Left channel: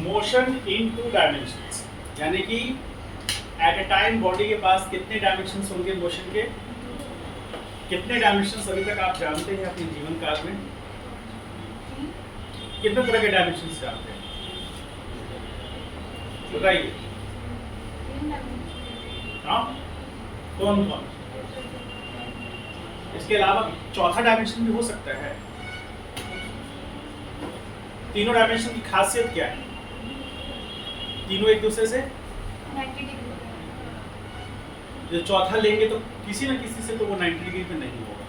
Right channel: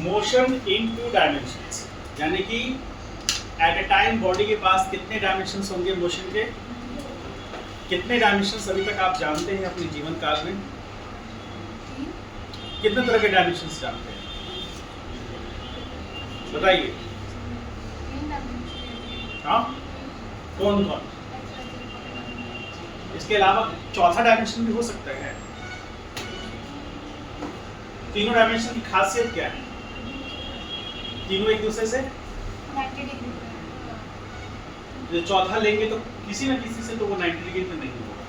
Motion in to dimensions, यानी कि eight ए time body के पास कितने डायमेंशंस होंगे मोशन के? कितने डायमेंशंस अभी तक आप जानते हैं अपने जीवन काल में? कितने तरह के डायमेंशंस जानते हैं बताइए? हाँ, कौन कौन? इसके अलावा चौथा डायमेंशन भी हो सकता है। तीनों डायमेंशन की खासियत क्या है? तीनों एक दूसरे से जो चौथा लेंगे तो किसी ना किसी से तो वो 90 डिग्री में नहीं होगा,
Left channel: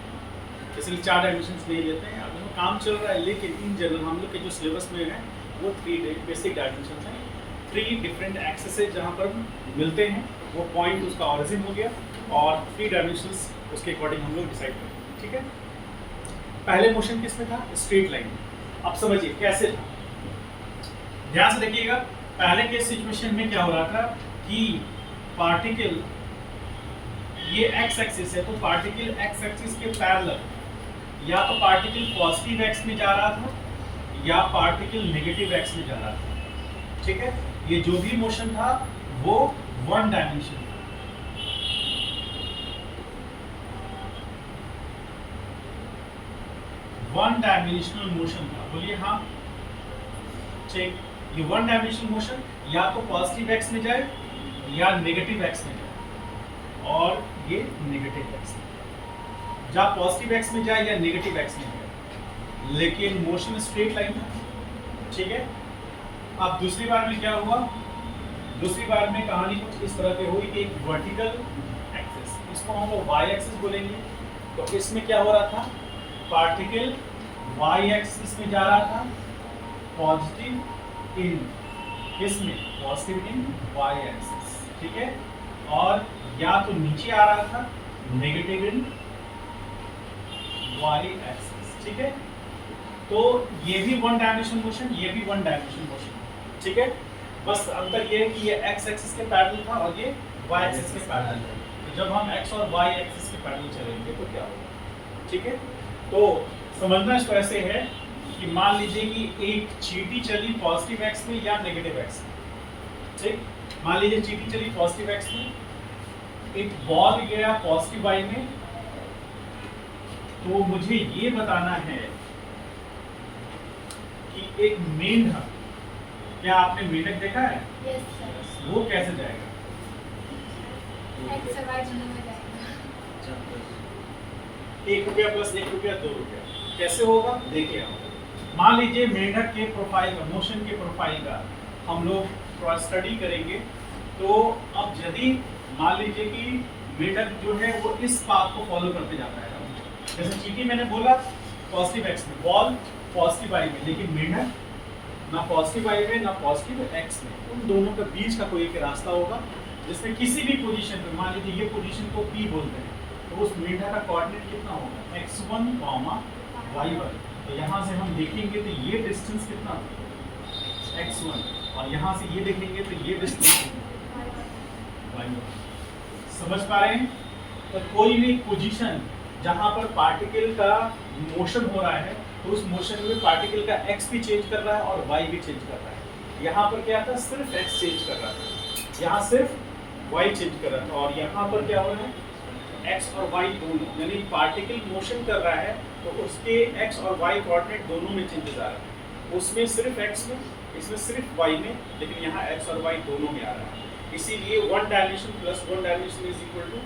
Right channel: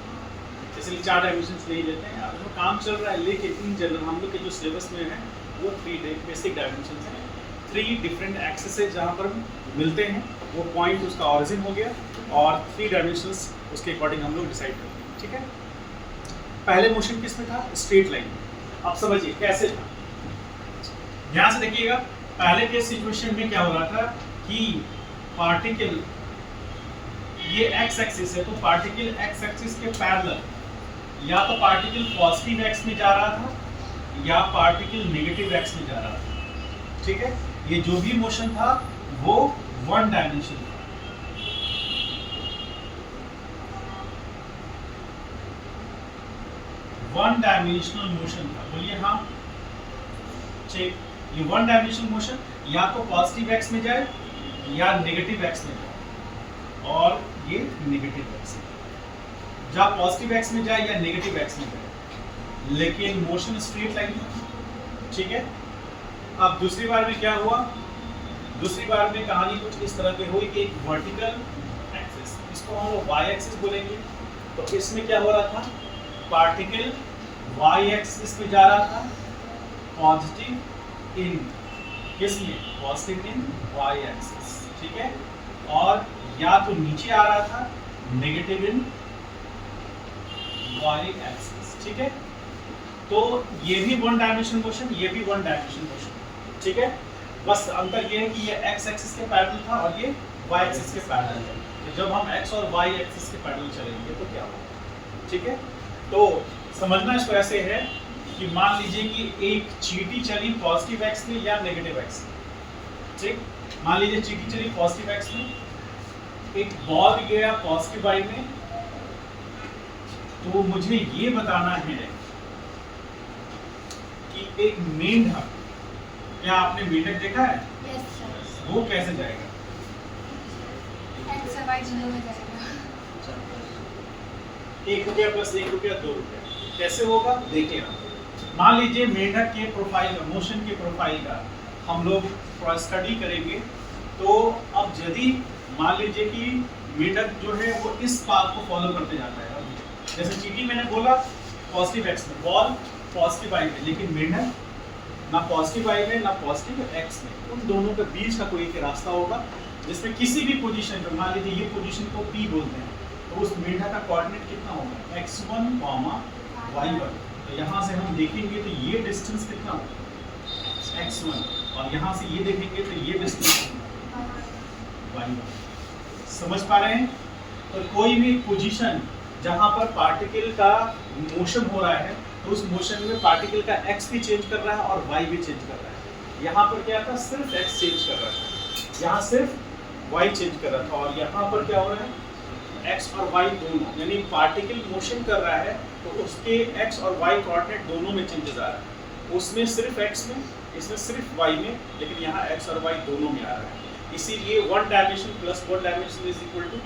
इसलिए 4 डायमेंशंस नहीं लेते हैं। अब उसमें काम चल रहा है, लेकिन इन जनरल हम लोग के जो सिलेबस में है वो 3 बेसिक डायमेंशंस हैं, 3 डिफरेंट एक्सेस है जहाँ पर मिलते हैं, वो पॉइंट उसका ऑरिजिन हो गया और 3 डायमेंशंस उसके अकॉर्डिंग हम लोग डिसाइड करते हैं। ठीक है, पहले मोशन किस में था? स्ट्रेट लाइन में। अब समझिए कैसे था, ध्यान से देखिएगा। पहले के सिचुएशन में क्या हो रहा था कि पार्टिकल, ये एक्स एक्सिस है तो पार्टिकल एक्स एक्सिस के पैरेलल या तो पार्टिकल पॉजिटिव एक्स में जा रहा था या पार्टिकल नेगेटिव एक्स में जा रहा था। ठीक है, ये जो भी मोशन था वो 1 डायमेंशन था। वन डायमेंशनल मोशन था, बोलिए हाँ। चेक, ये 1 डायमेंशनल मोशन या तो पॉजिटिव एक्स में जाए या नेगेटिव एक्स में जाए, और ये नेगेटिव एक्स में जा, पॉजिटिव एक्स में जाए या नेगेटिव एक्स में जाए, लेकिन मोशन स्ट्रेट लाइन था। ठीक है, अब दूसरी बार में क्या हुआ? दूसरी बार में कहानी कुछ इस तरह की हुई कि एक वर्टिकल एक्सिस, इसको हम लोग वाई एक्सिस बोलेंगे, तो इसमें क्या हो रहा था? पार्टिकल वाई एक्सिस में जा रहा था, पॉजिटिव इन किसमें? Positive in y axis. ठीक है, और या तो नीचे आ रहा था, नेगेटिव इन वाई एक्सिस। ठीक है, तो ये भी 1 डायमेंशन मोशन, ये भी 1 डायमेंशन मोशन। ठीक है, बस अंतर ये है कि ये एक्स एक्सिस के पैरेलल था और ये वाई एक्सिस के पैरेलल है। तो जब हम एक्स और वाई एक्सिस के पैरेलल चलेंगे तो क्या होगा? ठीक है, तो समझना इसको ऐसे है कि मान लीजिए कि एक चींटी चली पॉजिटिव एक्स में या नेगेटिव एक्स में। ठीक, मान लीजिए चींटी चली पॉजिटिव एक्स में, एक बॉल गया पॉजिटिव वाई में, तो मुझे ये बताना है कि एक मेंढक, क्या आपने मेंढक देखा है? Yes, sir. वो कैसे जाएगा? X y जीरो में जाएगा। 1 रुपया प्लस 1 रुपया 2 रुपया, कैसे होगा? देखिए आप, मान लीजिए मेंढक के प्रोफाइल का, मोशन के प्रोफाइल का हम लोग थोड़ा स्टडी करेंगे, तो अब यदि मान लीजिए कि मेंढक जो है वो इस पाथ को फॉलो करते जाता है, जैसे चींटी मैंने बोला पॉजिटिव एक्स में, बॉल पॉजिटिव वाई में, लेकिन मेंढक ना पॉजिटिव वाई में ना पॉजिटिव एक्स में, उन दोनों के बीच का कोई एक रास्ता होगा जिसमें किसी भी पोजीशन पे, मान लीजिए ये पोजीशन को P बोलते हैं, तो उस मेंढक का कोऑर्डिनेट कितना होगा? x1, y1। तो यहाँ से हम देखेंगे तो ये डिस्टेंस कितना होगा? x1, और यहाँ से ये देखेंगे तो ये डिस्टेंस y1। समझ पा रहे हैं? तो कोई भी पोजीशन जहाँ पर पार्टिकल का मोशन हो रहा है, तो उस मोशन में पार्टिकल का x भी चेंज कर रहा है और y भी चेंज कर रहा है। यहाँ पर क्या था? सिर्फ x चेंज कर रहा था, यहाँ सिर्फ y चेंज कर रहा था, और यहाँ पर क्या हो रहा है? x और y दोनों, यानी पार्टिकल मोशन कर रहा है तो उसके x और y कोऑर्डिनेट दोनों में चेंजेस आ रहा है, उसमें सिर्फ x में, इसमें सिर्फ y में, लेकिन यहाँ x और y दोनों में आ रहा है। इसीलिए 1 dimension plus 1 dimension is equal to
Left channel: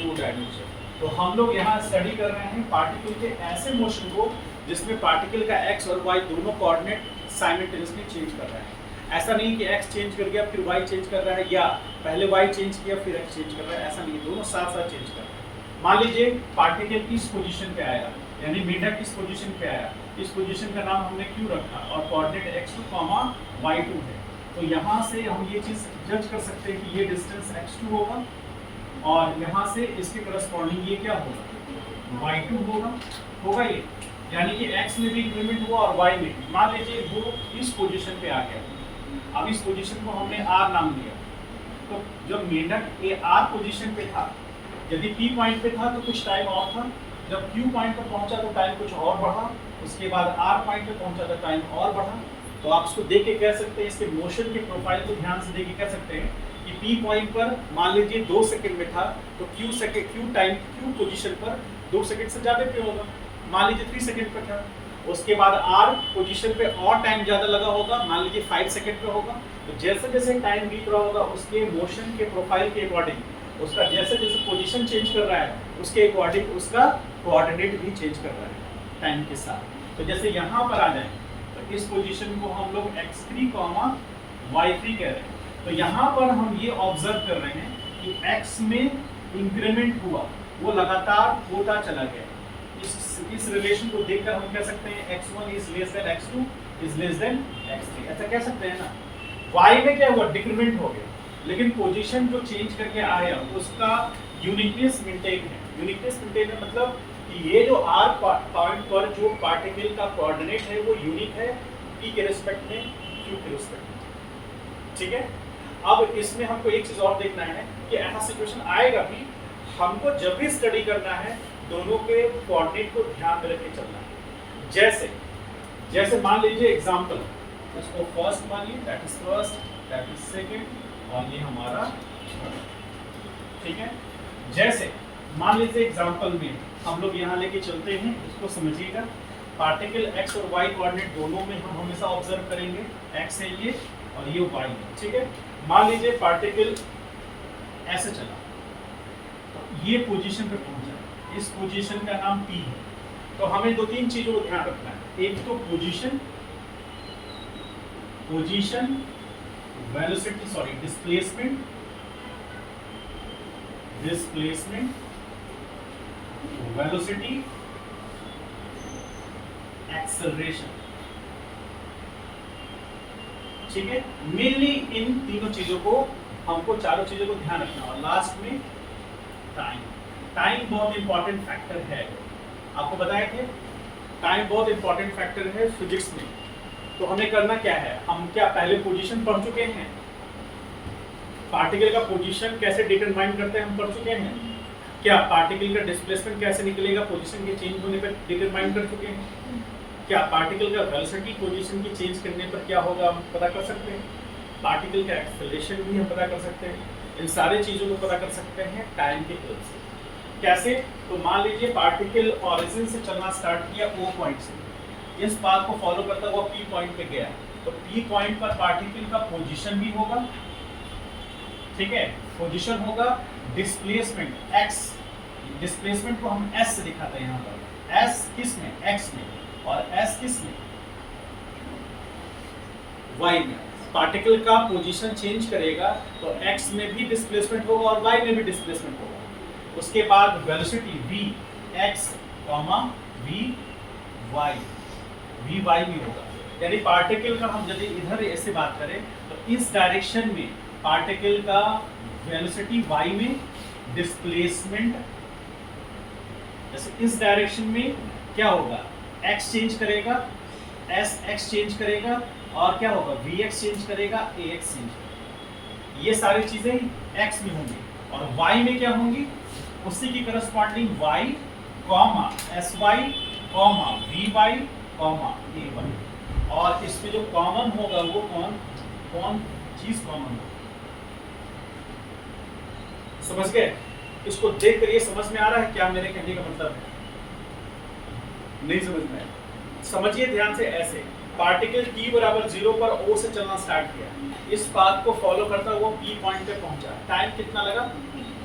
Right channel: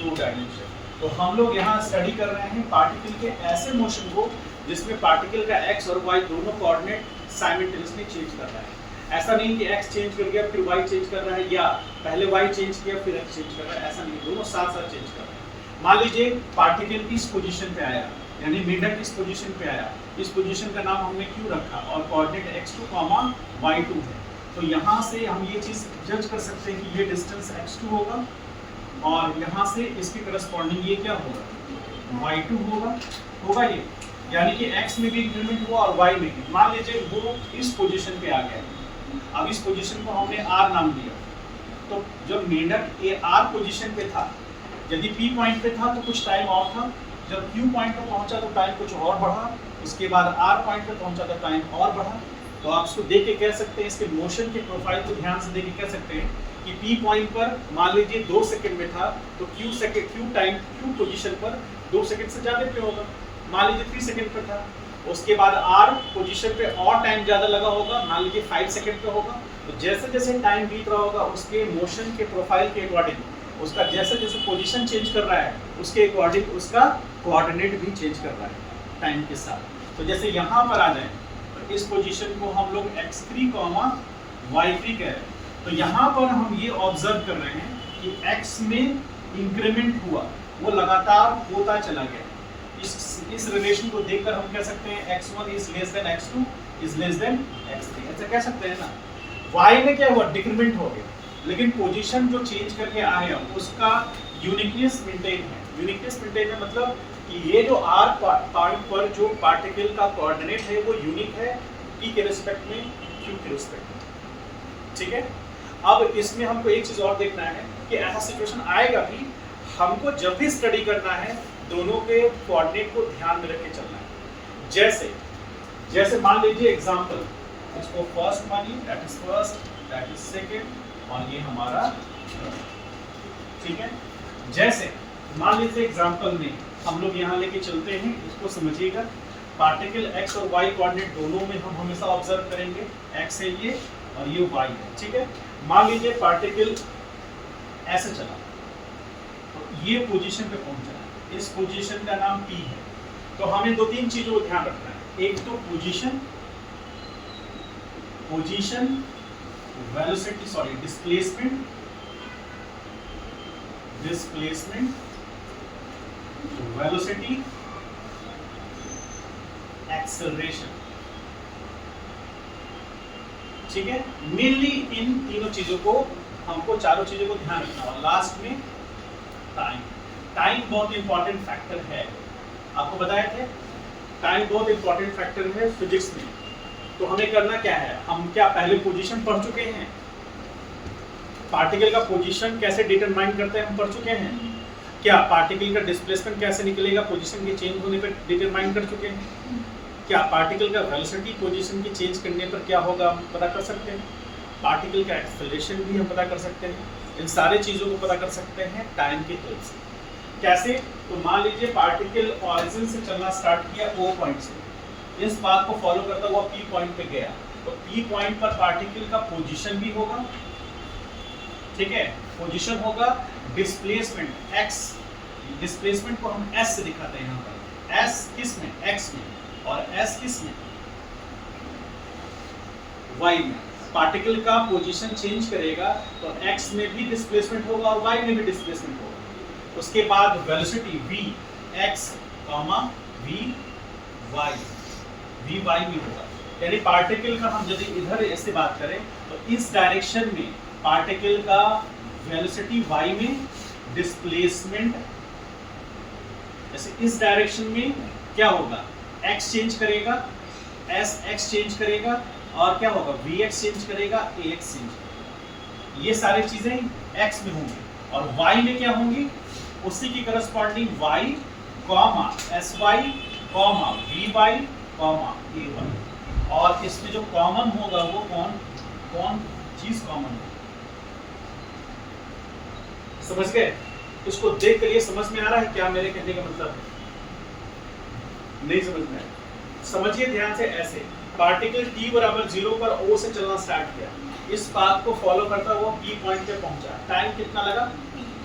2 dimension. तो हम लोग यहाँ स्टडी कर रहे हैं पार्टिकल के ऐसे मोशन को जिसमें पार्टिकल का x और y दोनों कोऑर्डिनेट साइमल्टेनियसली चेंज कर रहा है। ऐसा नहीं कि x चेंज कर गया फिर y चेंज कर रहा है, या पहले y चेंज किया फिर x चेंज कर रहा है, ऐसा नहीं, दोनों साथ साथ चेंज कर रहे हैं। मान लीजिए पार्टिकल इस पोजीशन पे आया, यानी मेंढक इस पोजीशन पे आया, इस पोजीशन का नाम हमने q रखा और कोऑर्डिनेट x2, y2 है, तो यहाँ से हम ये चीज़ जज कर सकते हैं कि ये डिस्टेंस x2 होगा और यहाँ से इसके करस्पॉन्डिंग ये क्या होगा? y2 होगा ये, यानी कि x में भी इंक्रीमेंट हुआ और y में भी। मान लीजिए वो इस पोजीशन पे आ गया, अब इस पोजीशन को हमने r नाम दिया, तो जब मेंढक ए r पोजीशन पे था, यदि p पॉइंट पे था तो कुछ टाइम और था, जब q पॉइंट पे पहुंचा तो टाइम कुछ और बढ़ा, उसके बाद r पॉइंट पे पहुंचा तो टाइम और बढ़ा, तो आप इसको देख के कह सकते हैं, इसके मोशन के प्रोफाइल को ध्यान से देख के कह सकते हैं कि P पॉइंट पर मान लीजिए 2 सेकंड में था, तो Q पोजीशन पर 2 सेकंड से ज़्यादा पे होगा, मान लीजिए 3 सेकंड पर था। उसके बाद R पोजीशन पे और टाइम ज़्यादा लगा होगा, मान लीजिए 5 सेकंड पे होगा। तो जैसे जैसे टाइम बीत रहा होगा उसके मोशन के प्रोफाइल के अकॉर्डिंग उसका जैसे जैसे पोजीशन चेंज कर रहा है उसके अकॉर्डिंग उसका कोऑर्डिनेट भी चेंज कर रहा है टाइम के साथ। तो जैसे यहाँ पर आ जाए तो इस पोजीशन को हम लोग x3, y3 कह रहे हैं। तो यहाँ पर हम ये ऑब्जर्व कर रहे हैं कि x में इंक्रीमेंट हुआ, वो लगातार होता चला गया। इस रिलेशन को देखकर हम कह सकते हैं x1 is less than x2 is less than x3, ऐसा कह सकते हैं ना। y में क्या हुआ, डिक्रीमेंट हो गया, लेकिन पोजीशन जो चेंज करके आया उसका यूनिकनेस मेंटेन है। यूनिकनेस मेंटेन है मतलब कि ये जो r पॉइंट पर जो पार्टिकल का कोऑर्डिनेट है वो यूनिक है t के रिस्पेक्ट में, q के रिस्पेक्ट में, ठीक है। अब इसमें हमको एक चीज और देखना है कि ऐसा सिचुएशन आएगा भी, हमको जब भी स्टडी करना है दोनों के कोऑर्डिनेट को ध्यान में रख के चलना है। जैसे मान लीजिए एग्जांपल, इसको फर्स्ट मानिए, that is first, that is second और ये हमारा थर्ड, ठीक है। जैसे मान लीजिए एग्जांपल में हम लोग यहाँ लेके चलते हैं, इसको समझिएगा। पार्टिकल x और y कोऑर्डिनेट दोनों में हम हमेशा ऑब्जर्व करेंगे, x है ये और ये y है, ठीक है। मान लीजिए पार्टिकल ऐसे चला, तो ये पोजीशन पे पहुंचा, इस पोजीशन का नाम P है। तो हमें दो तीन चीजों को ध्यान रखना है, एक तो position, velocity, sorry displacement, velocity, acceleration, ठीक है। मेनली इन तीनों चीजों को हमको, चारों चीजों को ध्यान रखना और लास्ट में टाइम बहुत इंपॉर्टेंट फैक्टर है। आपको बताया थे टाइम बहुत इंपॉर्टेंट फैक्टर है फिजिक्स में। तो हमें करना क्या है, हम क्या पहले पोजीशन पढ़ चुके हैं, पार्टिकल का पोजीशन कैसे डिटरमाइन करते हैं हम पढ़ चुके हैं। क्या पार्टिकल का डिस्प्लेसमेंट कैसे निकलेगा पोजीशन के चेंज होने पर डिटरमाइन कर चुके हैं। क्या पार्टिकल का वेलोसिटी पोजीशन की चेंज करने पर क्या होगा हम पता कर सकते हैं। पार्टिकल का एक्सेलरेशन भी हम पता कर सकते हैं। इन सारे चीज़ों को पता कर सकते हैं टाइम के हेल्प से। कैसे, तो मान लीजिए पार्टिकल ऑरिजिन से चलना स्टार्ट किया O पॉइंट से, इस बात को फॉलो करता हुआ P पॉइंट पे गया, तो P पॉइंट पर पार्टिकल का पोजीशन भी होगा, ठीक है, पोजीशन होगा। डिस्प्लेसमेंट x, डिस्प्लेसमेंट को हम s से दिखाते हैं यहाँ पर, s किस में, x में, और s किस में, y में। पार्टिकल का पोजीशन चेंज करेगा तो x में भी डिस्प्लेसमेंट होगा और y में भी डिस्प्लेसमेंट होगा। उसके बाद velocity v x, v y में होगा। यानी पार्टिकल का हम यदि इधर ऐसे बात करें तो इस डायरेक्शन में पार्टिकल का वेलोसिटी y में, डिस्प्लेसमेंट जैसे इस डायरेक्शन में क्या होगा, x चेंज करेगा, x चेंज करेगा और क्या होगा, vx चेंज करेगा, ax चेंज करेगा। ये सारी चीजें x में होंगी और y में क्या होंगी, उसी की corresponding y, sy, vy, ay, और इसमें जो कॉमन होगा वो कौन चीज कॉमन होगा। समझ गए? इसको देख कर ये समझ में आ रहा है क्या मेरे कहने का मतलब? नहीं समझ में आया? समझिए ध्यान से। ऐसे पार्टिकल t बराबर 0 पर O से चलना स्टार्ट किया, इस बात को फॉलो करता हुआ P पॉइंट पे पहुंचा। टाइम कितना लगा,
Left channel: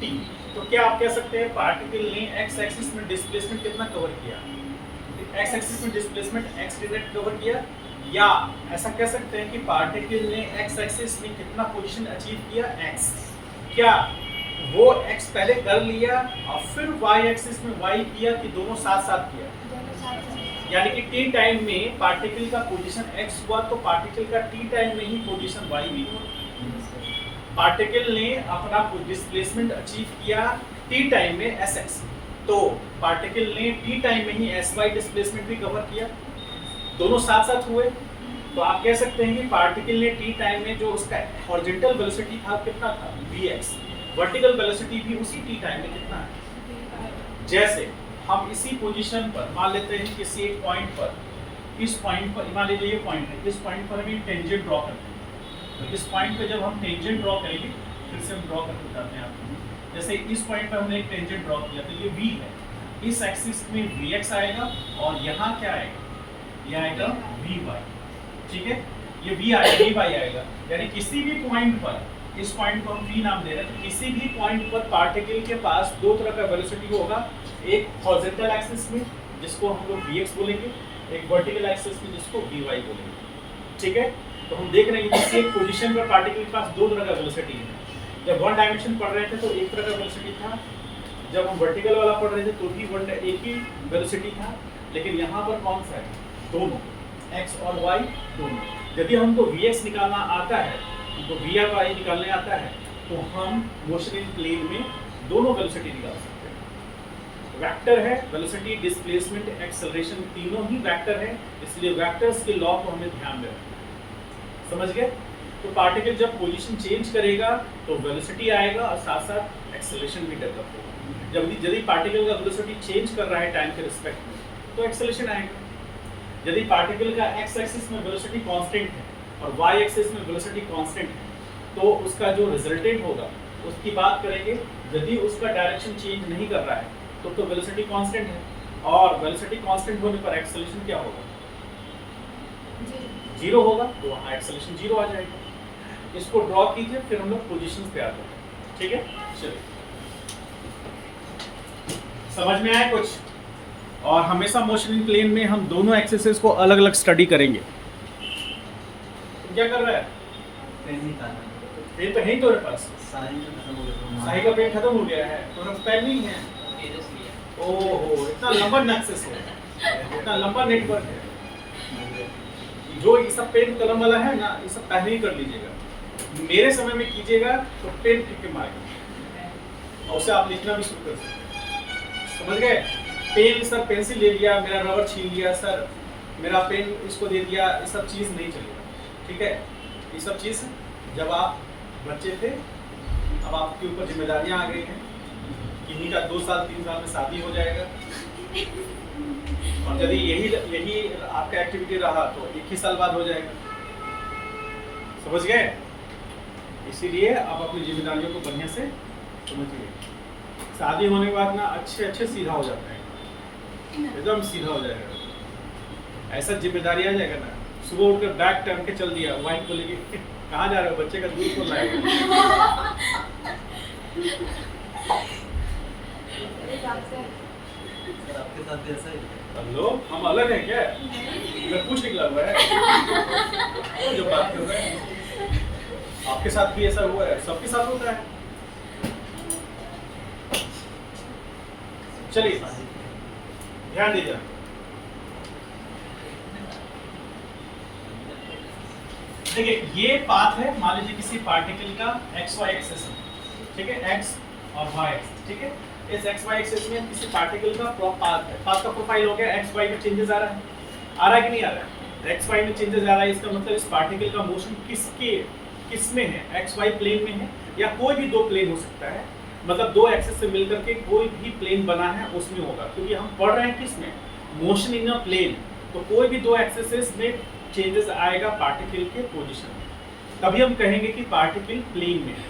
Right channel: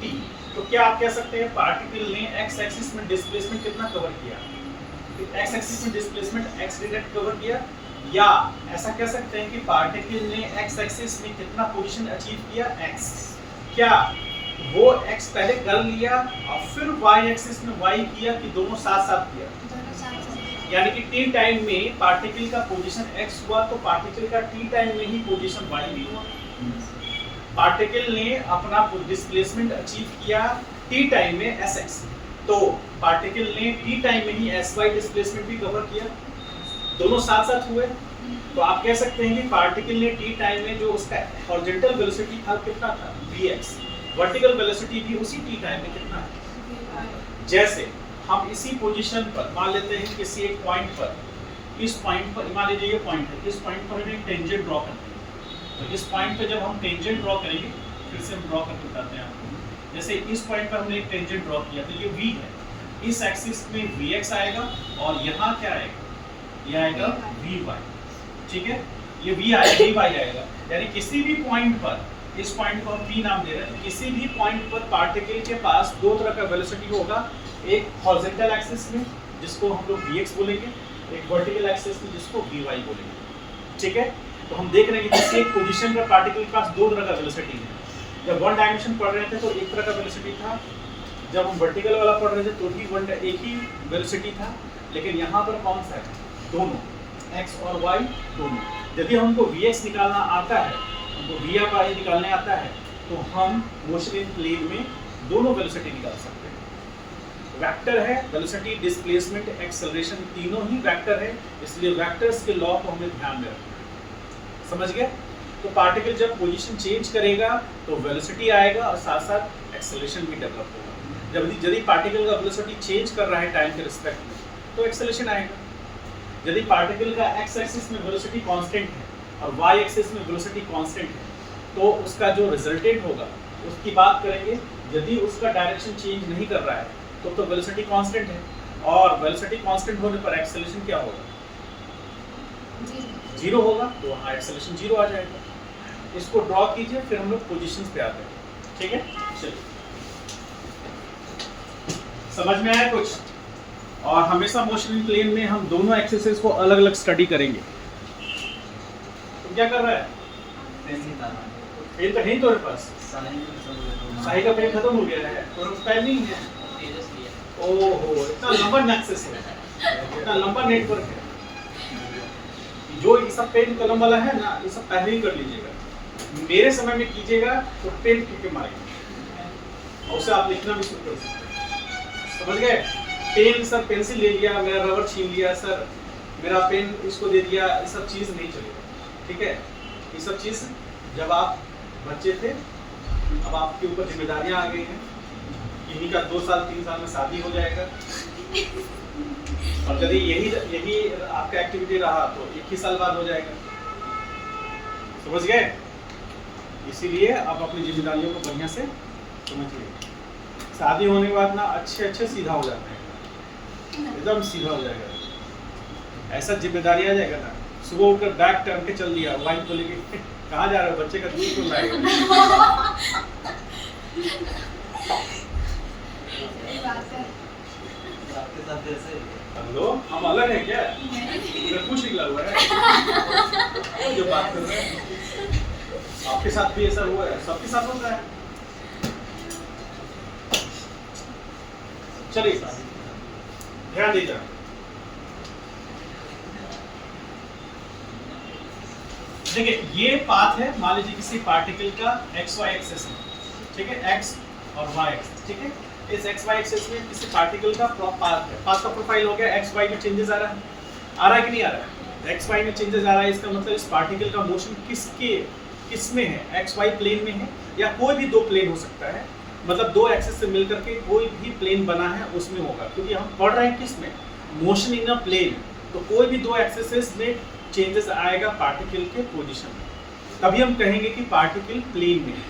t। तो क्या आप कह सकते हैं पार्टिकल ने x एक्सिस में डिस्प्लेसमेंट कितना कवर किया, x एक्सिस में डिस्प्लेसमेंट x डायरेक्ट कवर किया, या ऐसा कह सकते हैं कि पार्टिकल ने x एक्सिस में कितना पोजीशन अचीव किया, x। क्या वो x पहले कर लिया और फिर y एक्सिस में y किया कि दोनों साथ साथ किया? यानी कि t टाइम में पार्टिकल का पोजीशन x हुआ तो पार्टिकल का t टाइम में ही पोजीशन y भी हुआ। पार्टिकल ने अपना डिस्प्लेसमेंट अचीव किया t टाइम में sx, तो पार्टिकल ने t टाइम में ही sy डिस्प्लेसमेंट भी कवर किया, दोनों साथ साथ हुए। तो आप कह सकते हैं कि पार्टिकल ने t टाइम में जो उसका हॉरिजॉन्टल वेलोसिटी था कितना था, vx, वर्टिकल वेलोसिटी भी उसी t टाइम में कितना है। जैसे हम इसी पोजीशन पर मान लेते हैं किसी एक पॉइंट पर इस पॉइंट पर मान लीजिए ये पॉइंट है, इस पॉइंट पर हमें टेंजेंट ड्रॉ करना है। तो इस पॉइंट पे जब हम टेंजेंट ड्रॉ करेंगे, फिर से हम ड्रॉ करके बताते हैं आपको। जैसे इस पॉइंट पर हमने एक टेंजेंट ड्रॉ किया तो ये v है, इस एक्सिस में vx आएगा और यहाँ क्या आएगा, ये आएगा vy। ठीक है, ये v आएगा, vy आएगा। यानी किसी भी पॉइंट पर, इस पॉइंट को हम p नाम दे रहे हैं, तो किसी भी पॉइंट पर पार्टिकल के पास दो तरह का वेलोसिटी होगा, एक हॉरिजॉन्टल एक्सिस में जिसको हम लोग vx बोलेंगे, एक वर्टिकल एक्सिस में जिसको vy बोलेंगे। ठीक है, तो हम देख रहे हैं कि किसी एक पोजीशन पर पार्टिकल के पास दो तरह का वेलोसिटी है। जब वन डायमेंशन पढ़ रहे थे तो एक तरह का वेलोसिटी था, जब हम वर्टिकल वाला पढ़ रहे थे तो भी एक ही वेलोसिटी था, लेकिन यहाँ पर कौन सा है, दोनों, x और y दोनों। यदि हमको vx निकालना आता है, हमको vy निकालने आता है, तो हम मोशन इन प्लेन में दोनों वेलोसिटी निकाल सकते हैं। वेक्टर है, वेलोसिटी, डिस्प्लेसमेंट, एक्सेलरेशन, तीनों ही वेक्टर है, इसलिए वेक्टर्स के लॉ को हमें ध्यान में रखना है। समझ गए? तो पार्टिकल जब पोजीशन चेंज करेगा तो वेलोसिटी आएगा और साथ साथ एक्सेलरेशन भी डेवलप होगा। यदि पार्टिकल का वेलोसिटी चेंज कर रहा है टाइम के रिस्पेक्ट में, तो एक्सेलरेशन आएगा। यदि पार्टिकल का एक्स एक्सिस में वेलोसिटी कांस्टेंट है और वाई एक्सिस में वेलोसिटी कांस्टेंट है, तो उसका जो रिजल्टेंट होगा उसकी बात करेंगे। यदि उसका डायरेक्शन चेंज नहीं कर रहा है तो वेलोसिटी कांस्टेंट है, और वेलोसिटी कांस्टेंट होने पर एक्सेलरेशन क्या होगा, जीरो होगा, तो वहाँ एक्सेलरेशन जीरो आ जाएगा। इसको ड्रॉ कीजिए, फिर हम लोग पोजीशंस पे आते हैं। ठीक है, चलिए, समझ में आया कुछ? और हमेशा मोशन इन प्लेन में हम दोनों एक्सिस को अलग अलग स्टडी करेंगे। तो क्या कर रहा है, पेन तो है ही तुम्हारे पास, साही का पेन खत्म हो गया है, तुम्हारे पेन नहीं है। ओहो, इतना लंबा एक्सेस है, इतना लंबा नेटवर्क है। जो ये सब पेन कलम वाला है ना, ये सब पहले ही कर लीजिएगा, मेरे समय में कीजिएगा तो पेन क्योंकि मारेगा, और उसे आप लिखना भी शुरू कर सकते हैं। समझ गए? पेन, सर पेंसिल ले लिया, मेरा रबर छीन लिया, सर मेरा पेन इसको दे दिया, ये सब चीज़ नहीं चलेगा। ठीक है, ये सब चीज़ जब आप बच्चे थे, अब आपके ऊपर जिम्मेदारियां आ गई हैं, किन्हीं का 2 साल 3 साल में शादी हो जाएगा, और यदि यही आपका एक्टिविटी रहा तो 1 ही साल बाद हो जाएगा। समझ गए? इसीलिए आप अपनी जिम्मेदारियों को बढ़िया से समझिए। शादी होने के बाद ना अच्छे सीधा हो जाते हैं, एकदम सीधा हो जाएगा। ऐसा जिम्मेदारी आ जाएगा ना, सुबह उठकर बैग टर्न के चल दिया, वाइफ को लेके कहाँ जा रहे हो, बच्चे का दूध कौन लाएगा। आपके साथ भी ऐसा ही है? हेलो, हम अलग हैं क्या? इधर कुछ निकला हुआ है जो बात कर रहे हैं। आपके साथ भी ऐसा हुआ है, सबके साथ होता है। चलिए ध्यान दीजिए। देखिए, ये पाथ है, मान लीजिए किसी पार्टिकल का एक्स वाई एक्सिस है, ठीक है, एक्स और वाई एक्सिस। ठीक है, इस एक्स वाई एक्सिस में किसी पार्टिकल का पाथ है, पाथ का प्रोफाइल हो गया, एक्स वाई में चेंजेस आ रहा है कि नहीं आ रहा है? एक्स वाई में चेंजेस आ रहा है, इसका मतलब इस पार्टिकल का मोशन किस में है, एक्स वाई प्लेन में है, या कोई भी दो प्लेन हो सकता है, मतलब दो एक्सिस से मिलकर के कोई भी प्लेन बना है उसमें होगा, क्योंकि हम पढ़ रहे हैं किस में, मोशन इन अ प्लेन। तो कोई भी दो एक्सिस में चेंजेस आएगा पार्टिकल के पोजीशन में, तभी हम कहेंगे कि पार्टिकल प्लेन में है,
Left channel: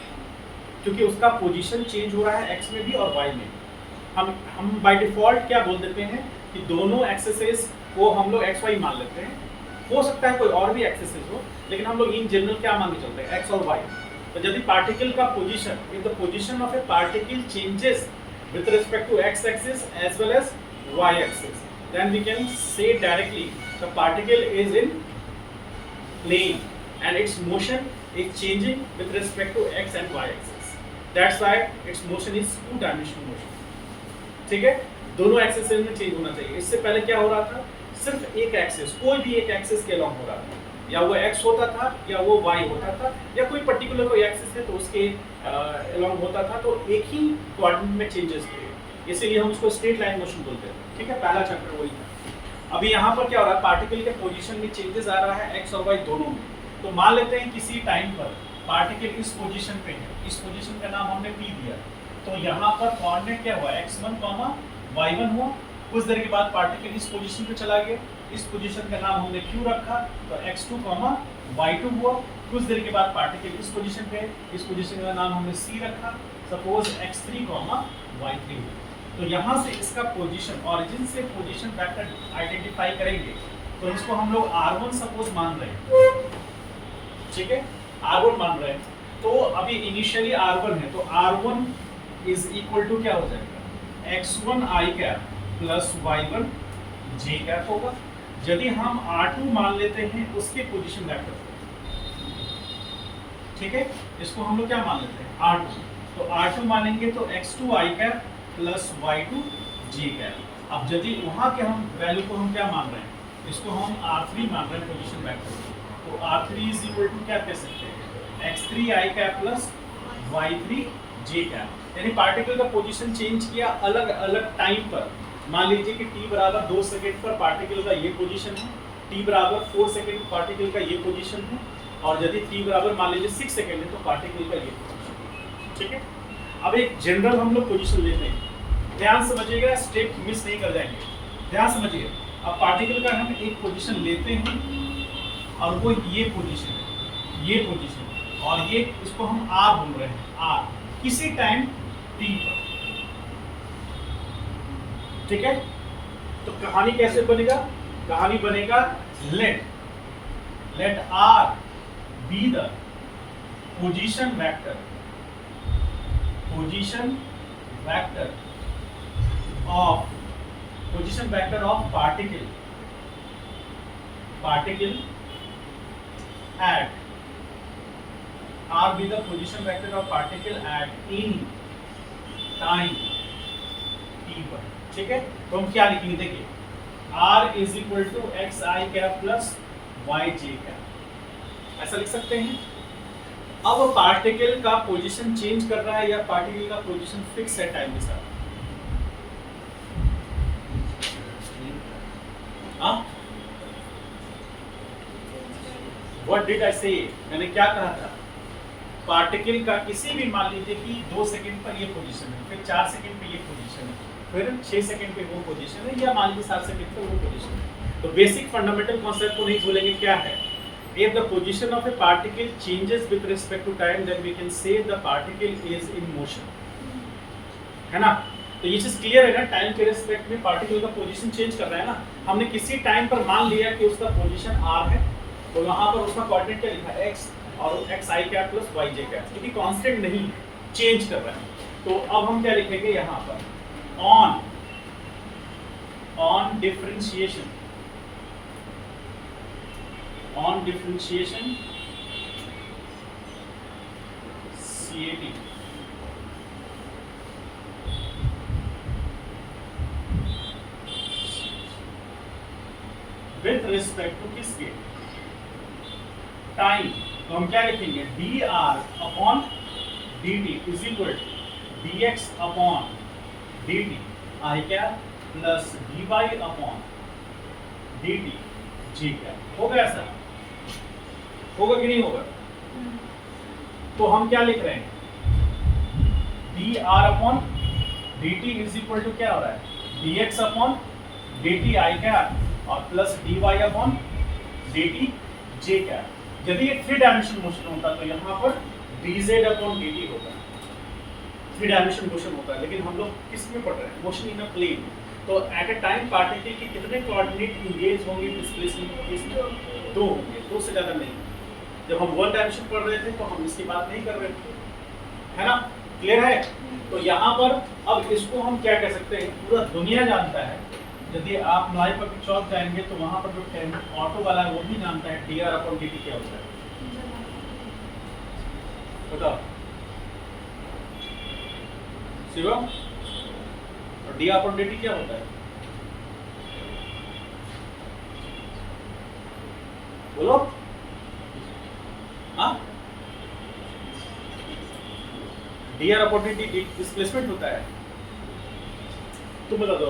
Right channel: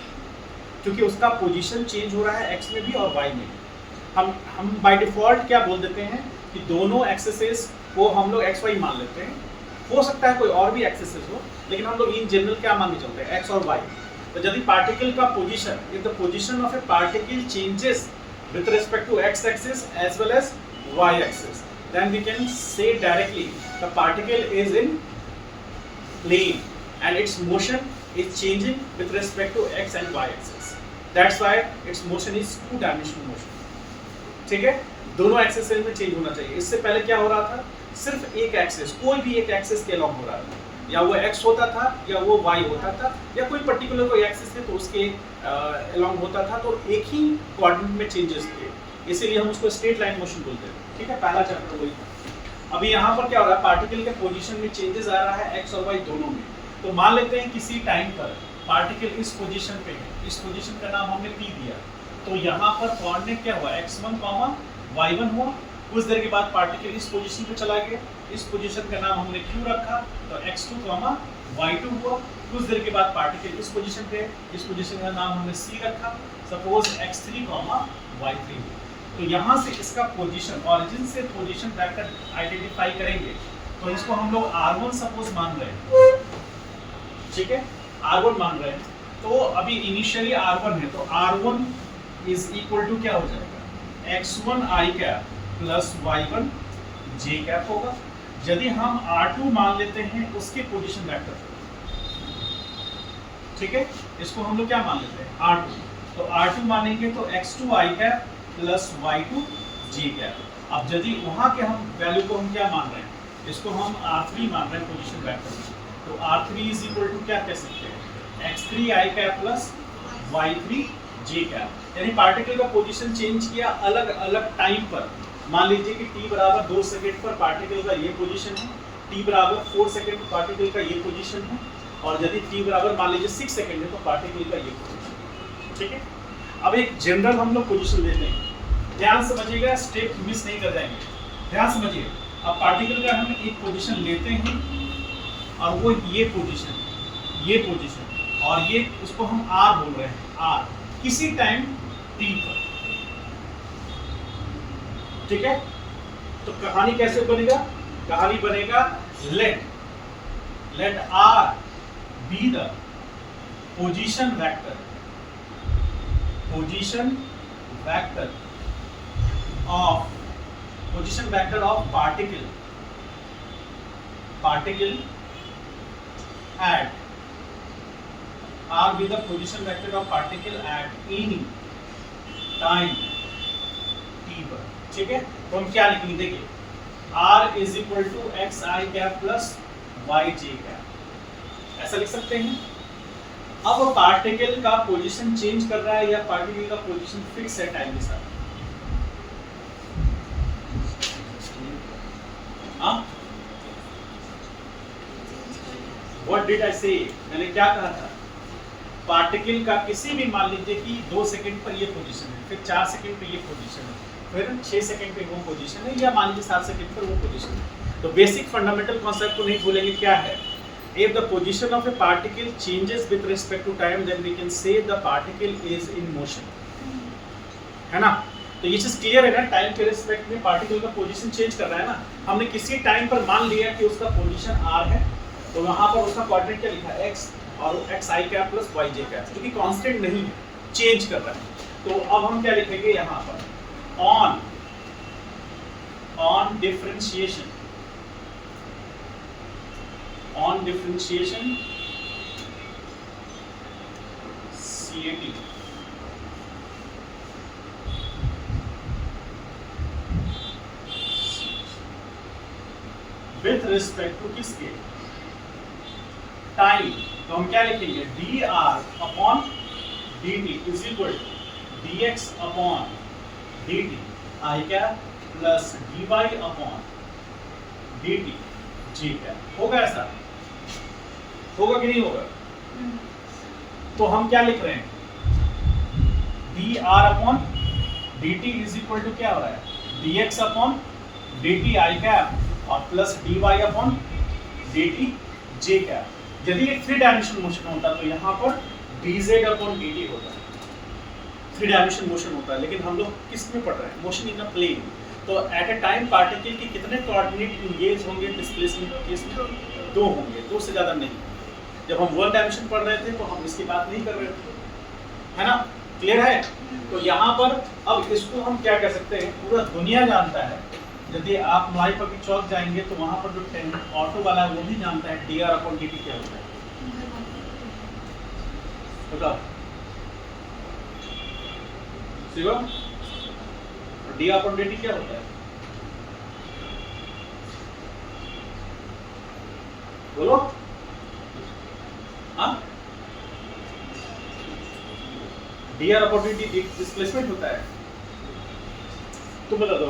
क्योंकि उसका पोजीशन चेंज हो रहा है एक्स में भी और वाई में भी। हम बाय डिफॉल्ट क्या बोल देते हैं कि दोनों एक्सिस को हम लोग एक्स वाई मान लेते हैं, हो सकता है कोई और भी एक्सिस हो, लेकिन हम लोग इन जनरल क्या मान के चलते हैं, एक्स और वाई। तो यदि पार्टिकल का position, if the position of a particle changes with respect to x axis as well as y axis, then we can say directly the particle is in plane and its motion is changing with respect to x and y axis. That's why its motion is 2-dimensional motion. ठीक है, दोनों axis में change होना चाहिए। इससे पहले क्या हो रहा था, सिर्फ एक एक्सिस, कोई भी एक एक्सिस के अलॉन्ग हो रहा था, या वो x होता था या वो y होता था, या कोई पर्टिकुलर कोई एक्सिस है तो उसके अलॉन्ग होता था, तो एक ही कोऑर्डिनेट में चेंजेस थे, इसीलिए हम उसको स्ट्रेट लाइन मोशन बोलते हैं। ठीक है, पहला चैप्टर वही था। अभी यहाँ पर क्या हो रहा है, पार्टिकल के पोजीशन में चेंजेस आ रहा है एक्स और वाई दोनों में। तो मान लेते हैं किसी टाइम पर पार्टिकल इस पोजीशन पे है, इस पोजीशन का नाम हमने P दिया, तो यहाँ पर कोऑर्डिनेट क्या हुआ, x1, y1 हुआ, कुछ देर के बाद पार्टिकल इस पोजीशन पे चला गया, इस पोजीशन का नाम हमने Q रखा, तो x2, y2 हुआ। कुछ देर के बाद पार्टिकल इस पोजीशन पे, इस पोजीशन का नाम हमने C रखा, सपोज x3, y3। तो यहाँ से इसका पोजीशन, ओरिजिन से पोजीशन वेक्टर आइडेंटिफाई करेंगे, तो इसको हम लोग R1 सपोज मान रहे हैं, ठीक है, R1 मान रहे हैं। तो अभी इनिशियली R1 है, तो R1 इज इक्वल टू क्या हो जाएगा, x1 i cap plus y1 j cap होगा। यदि हम R2 मान लेते हैं उसके पोजीशन वेक्टर, ठीक है, इसको हम लोग क्या मान लेते हैं, R2। तो R2 मानेंगे तो x2 i cap plus y2 j cap. अब यदि वहाँ के हम वैल्यू को हम क्या मान रहे हैं, इसको हम R3 मान रहे हैं पोजीशन वेक्टर, तो R3 इज इक्वल टू क्या कह सकते हैं, x3 i cap plus y3 j cap. यानी पार्टिकल का पोजीशन चेंज किया अलग अलग टाइम पर। मान लीजिए कि t बराबर 2 सेकंड पर पार्टिकल का ये पोजीशन है, t बराबर 4 सेकंड पर पार्टिकल का ये पोजीशन है, और यदि t बराबर मान लीजिए 6 सेकंड है तो पार्टिकल का ये पोजीशन है, ठीक है। अब एक जनरल हम लोग पोजीशन लेते हैं, ध्यान समझिएगा, स्टेप मिस नहीं कर जाएंगे, ध्यान समझिए। अब पार्टिकल का हम एक पोजीशन लेते हैं और वो ये पोजीशन है, ये पोजीशन, और ये इसको हम R बोल रहे हैं, R किसी टाइम t पर, ठीक है। तो कहानी कैसे बनेगा, कहानी बनेगा let R be the position vector of particle at R be the position vector of particle at any time t पर, ठीक है। तो हम क्या लिखेंगे, देखिए R is equal to x i cap plus y j cap, ऐसा लिख सकते हैं। अब वो पार्टिकल का पोजीशन चेंज कर रहा है या पार्टिकल का पोजीशन फिक्स है टाइम के साथ, व्हाट डिड आई से, मैंने क्या कहा था, पार्टिकल का किसी भी, मान लीजिए कि 2 सेकंड पर ये पोजीशन है, फिर 4 सेकंड पे ये पोजीशन है, फिर 6 सेकंड पे वो पोजीशन है, या मान लीजिए 7 सेकंड पर वो पोजीशन है। तो बेसिक फंडामेंटल कॉन्सेप्ट को नहीं भूलेंगे, क्या है, if the position of a particle changes with respect to time then we can say the particle is in motion, है ना। तो ये चीज क्लियर है ना, टाइम के रिस्पेक्ट में पार्टिकल का पोजीशन चेंज कर रहा है ना। हमने किसी टाइम पर मान लिया कि उसका पोजीशन r है, तो यहाँ पर उसका कोऑर्डिनेट क्या लिखा है, x, और x i cap plus y j cap, क्योंकि कांस्टेंट नहीं है, चेंज कर रहा है। तो अब हम क्या लिखेंगे यहाँ पर, on differentiation CAT with respect to किसके, टाइम। तो हम क्या लिखेंगे, dr upon dt is equal to dx upon dt i cap plus dy upon dt j cap. होगा ऐसा, होगा कि नहीं होगा। तो हम क्या लिख रहे हैं, dr upon dt is equal to क्या हो रहा है, dx upon dt i cap और plus dy upon dt j cap. यदि ये 3 डायमेंशन मोशन होता तो यहाँ पर dz अपॉन dt होता, 3 डायमेंशन मोशन होता है, लेकिन हम लोग किस में पढ़ रहे हैं, मोशन इन अ प्लेन। तो एट अ टाइम पार्टिकल के कितने कोऑर्डिनेट इंगेज होंगे डिस्प्लेसमेंट केस में, 2 होंगे, 2 से ज़्यादा नहीं। जब हम 1 डायमेंशन पढ़ रहे थे तो हम इसकी बात नहीं कर रहे थे, है ना, क्लियर है। तो यहाँ पर अब इसको हम क्या कह सकते हैं, पूरा दुनिया जानता है। यदि आप मलाई पब्लिक चौक जाएंगे तो वहाँ पर जो ऑटो वाला है वो भी जानता है dr अपॉन dt क्या होता है, बताओ शिवम, dr अपॉन dt क्या होता है, बोलो। हाँ, dr अपॉन dt डिस्प्लेसमेंट होता है, तुम बता दो।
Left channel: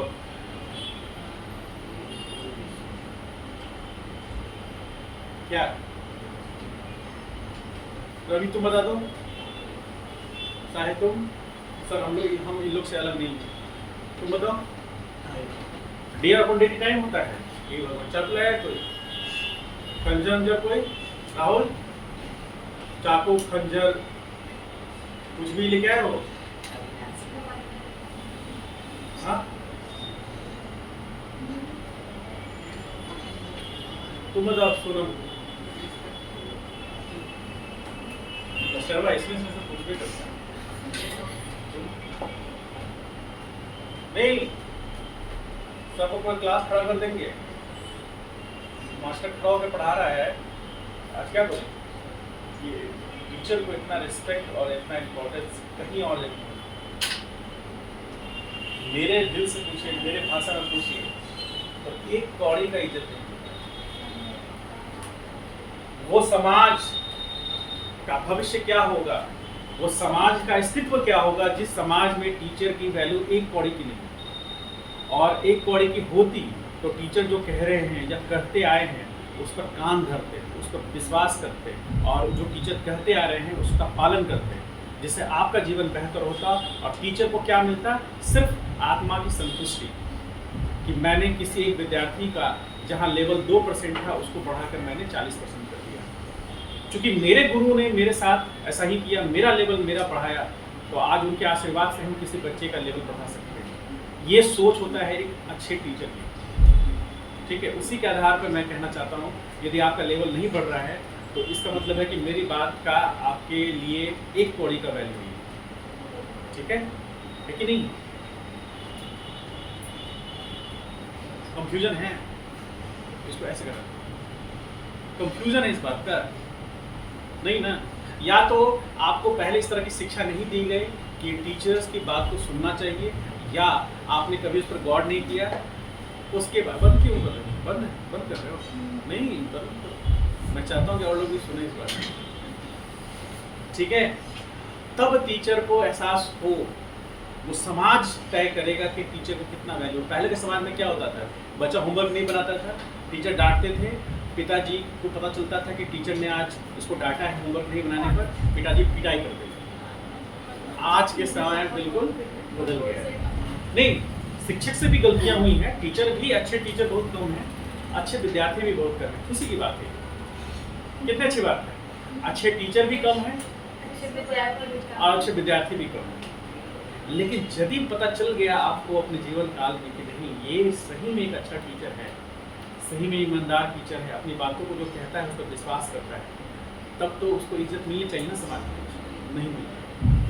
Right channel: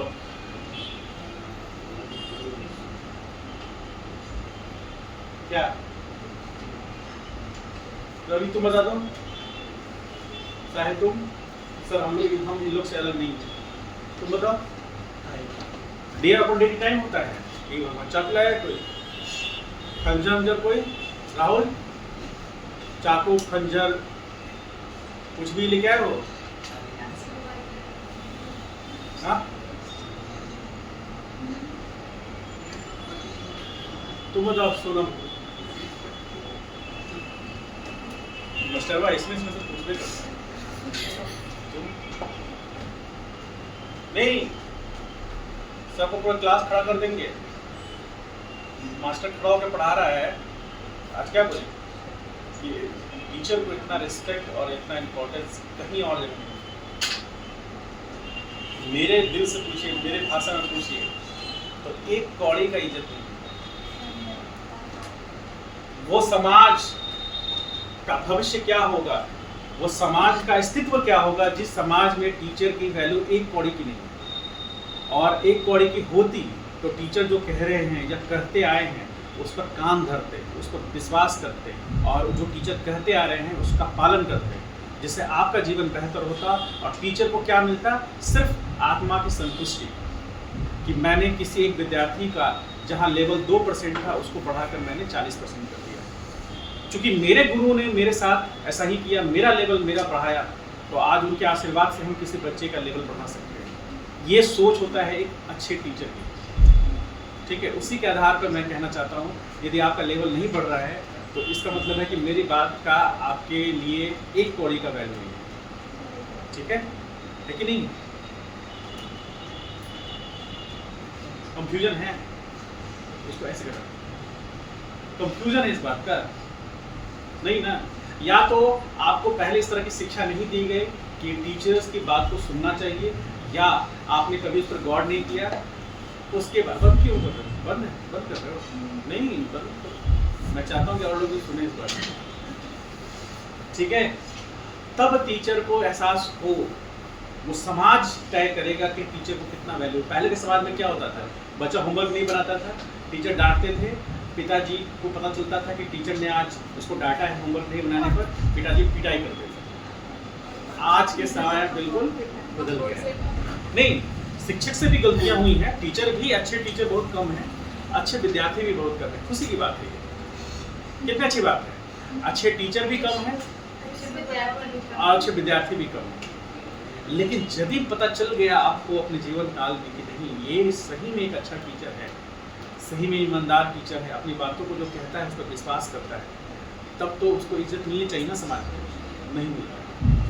क्या रवि तुम बता दो, चाहे तुम, सर हम इन लोग से अलग नहीं है, तुम बताओ। डे अपॉन डे टाइम होता है। ये भगवान चक लाया कोई, खंजर अंजर कोई, राहुल चाकू खंजर कुछ भी लेके आए हो? हाँ तुम बताओ सोनम। मास्टर भाई इसमें से पूछ रहे करता नहीं, सबको पूरा क्लास खड़ा कर देंगे। मास्टर खड़ा होकर पढ़ा रहा है। आज क्या बोले कि टीचर को इतना रिस्पेक्ट और इतना इम्पोर्टेंस कहीं और नहीं। मेरे दिल से पूछिए, मेरे भाषा में पूछिए तो एक कौड़ी का इज्जत नहीं। वो समाज का भविष्य क्या होगा, वो समाज का अस्तित्व क्या होगा जिस समाज में टीचर की वैल्यू एक कौड़ी की नहीं, और एक कौड़ी की होती तो टीचर जो कह रहे हैं या कहते आए हैं उस पर कान धरते, उस पर विश्वास करते, और जो टीचर कहते आ रहे हैं उसका पालन करते, जिससे आपका जीवन बेहतर होता। और टीचर को क्या मिलता? सिर्फ आत्मा की संतुष्टि कि मैंने किसी एक विद्यार्थी का जहाँ लेवल 2% था उसको बढ़ाकर मैंने 40% कर दिया। क्योंकि मेरे गुरु ने मेरे साथ ऐसा ही किया, मेरा लेवल मेरा बढ़ाया, तो आज उनके आशीर्वाद से हम किसी बच्चे का लेवल बढ़ा सकते हैं। ये सोच होता है एक अच्छे टीचर की। ठीक है, उसी के आधार पर मैं कहना चाहता हूँ यदि आपका लेवल नहीं बढ़ रहा है तो इसका मतलब है कि मेरी बात का आपके लिए एक कौड़ी का वैल्यू नहीं है। ठीक है कि नहीं? कंफ्यूजन है, इसको ऐसे करो, कंफ्यूजन है इस बात का नहीं ना? या तो आपको पहले इस तरह की शिक्षा नहीं दी गई कि टीचर्स की बात को सुनना चाहिए, या आपने कभी उस पर गौर नहीं किया। उसके बाद बंद क्यों कर रहे हो? बंद कर रहे हो? नहीं, बंद करो। मैं चाहता हूँ कि और लोग भी सुने इस बात में। ठीक है, तब टीचर को एहसास हो, वो समाज तय करेगा कि टीचर को कितना वैल्यू। पहले के समाज में क्या होता था? बच्चा होमवर्क नहीं बनाता था, टीचर डांटते थे, पिताजी को पता चलता था कि टीचर ने आज उसको डांटा है होमवर्क नहीं बनाने पर, पिताजी पिटाई करते थे। आज के समय बिल्कुल बदल गया है। नहीं, शिक्षक से भी गलतियां हुई हैं, टीचर भी, अच्छे टीचर बहुत कम हैं, अच्छे विद्यार्थी भी बहुत कम हैं। खुशी की बात है, कितनी अच्छी बात है। अच्छे टीचर भी कम हैं और अच्छे विद्यार्थी भी कम हैं। लेकिन यदि पता चल गया आपको अपने जीवन काल में कि नहीं, ये सही में एक अच्छा टीचर है, सही में ईमानदार टीचर है, अपनी बातों को जो कहता है उस पर विश्वास करता है, तब तो उसको इज्जत मिलनी चाहिए ना समाज में। नहीं मिली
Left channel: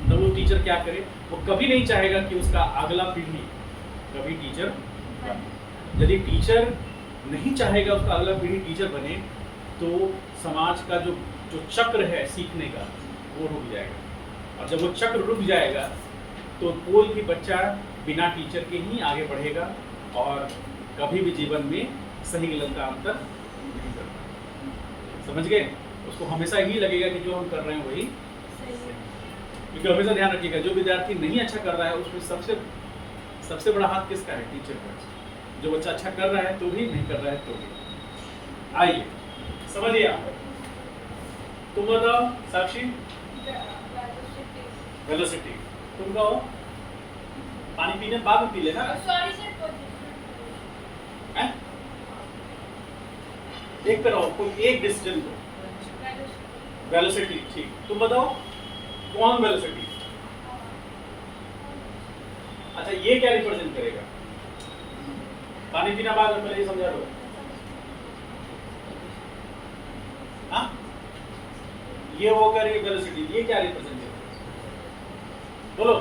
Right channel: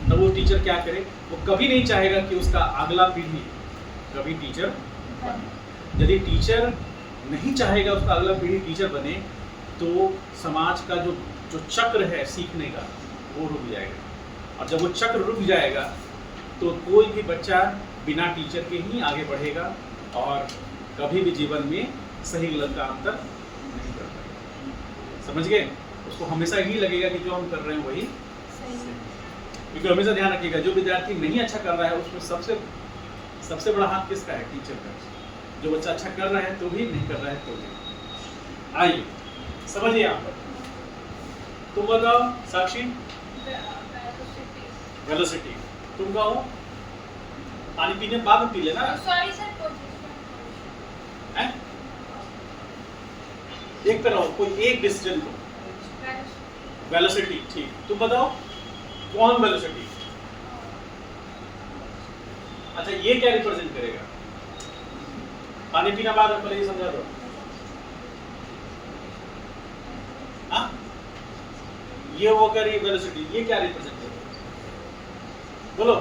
तब वो टीचर क्या करे? वो कभी नहीं चाहेगा कि उसका अगला पीढ़ी कभी टीचर बने। यदि टीचर नहीं चाहेगा उसका अगला पीढ़ी टीचर बने तो समाज का जो चक्र है सीखने का वो रुक जाएगा। और जब वो चक्र रुक जाएगा तो कोई भी बच्चा बिना टीचर के ही आगे बढ़ेगा और कभी भी जीवन में सही गलत का अंतर नहीं कर पाएगा। समझ गए? उसको हमेशा ही लगेगा कि जो हम कर रहे हैं वही सही। क्योंकि हमेशा ध्यान रखिएगा, जो विद्यार्थी नहीं अच्छा कर रहा है उसमें सबसे बड़ा हाथ किसका है? टीचर का। जो बच्चा अच्छा कर रहा है तो भी, नहीं कर रहा है तो भी। आइए समझिए यहाँ पर। तुम बताओ साक्षी। वेलोसिटी। तुम कहो पानी पीने बाद में पी लेना। सॉरी सर, हैं? एक पे रहो, कोई एक डिसीजन दो। वेलोसिटी। ठीक, तुम बताओ कौन वेलोसिटी? अच्छा, ये क्या रिप्रेजेंट करेगा? पानी पीना बाद में, पहले ये समझा दो। हाँ, ये होकर ये वेलोसिटी, ये क्या रिप्रेजेंट करेगा? बोलो,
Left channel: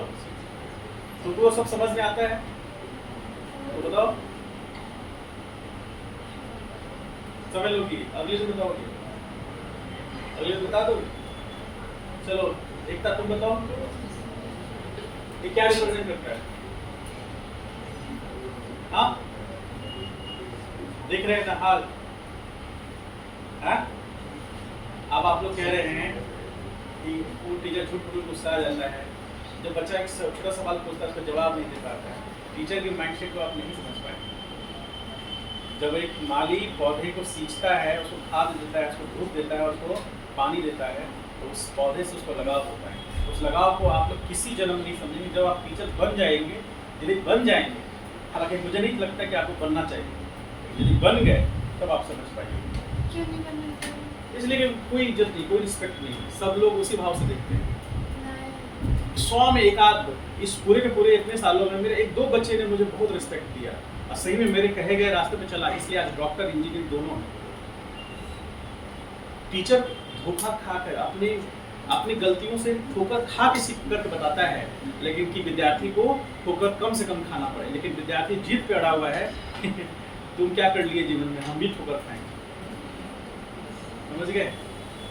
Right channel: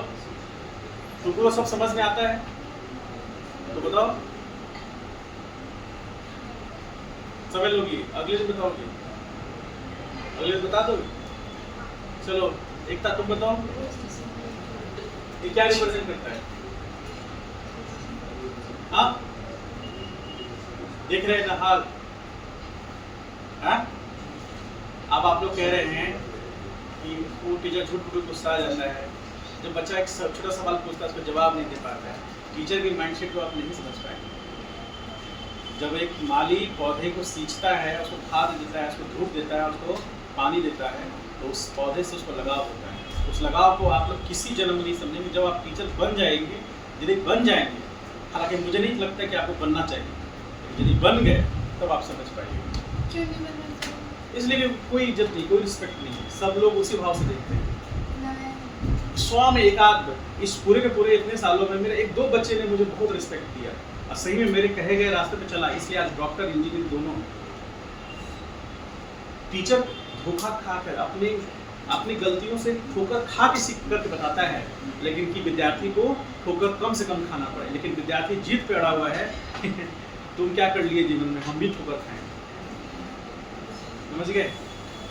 तुमको सब समझ में आता है तो बताओ। समझ लोगी? अगले से बताओगे? अगले से बता दो। चलो, एकता तुम बताओ, ये क्या रिप्रेजेंट करता है? हाँ, देख रहे हैं ना हाल? हाँ, अब आप लोग कह रहे हैं कि वो टीचर झूठ मूठ गुस्सा आ जाता है, जब बच्चा एक छोटा सवाल पूछता है उसको जवाब नहीं दे पाता है। टीचर की माइंडसेट को आप नहीं समझ पाएंगे। जब एक माली पौधे को सींचता है, उसको खाद देता है, उसको धूप देता है, उसको पानी देता है, तो उस पौधे से उसको लगाव होता है। उस लगाव को आप लोग किसी जन्म में नहीं समझेंगे। जब आप टीचर बन जाएंगे, यदि बन जाएंगे, हालांकि मुझे नहीं लगता कि आपको बनना चाहिए, यदि बन गए तब आप समझ पाएंगे। क्यों नहीं बनना चाहिए? इसलिए कि कोई इज्जत नहीं, कोई रिस्पेक्ट नहीं है, सब लोग उसी भाव से देखते हैं। मैं 100 में एक आध, इस पूरे के पूरे इतने सालों में मेरे 1-2 बच्चे ने मुझे बहुत रिस्पेक्ट दिया और सही में मेरे कहे गए रास्ते पे चला, इसलिए आज डॉक्टर इंजीनियर दोनों है। टीचर धोखा खाकर अपनी गलतियों से ठोकर खा के सीख करके बताता है, लेकिन कि विद्यार्थी को ठोकर कम से कम खाना पड़े, लेकिन विद्यार्थी जीत पे अड़ा हुआ है तुम क्या कर लिए जीवन में, हम भी ठोकर खाएंगे। समझ गए?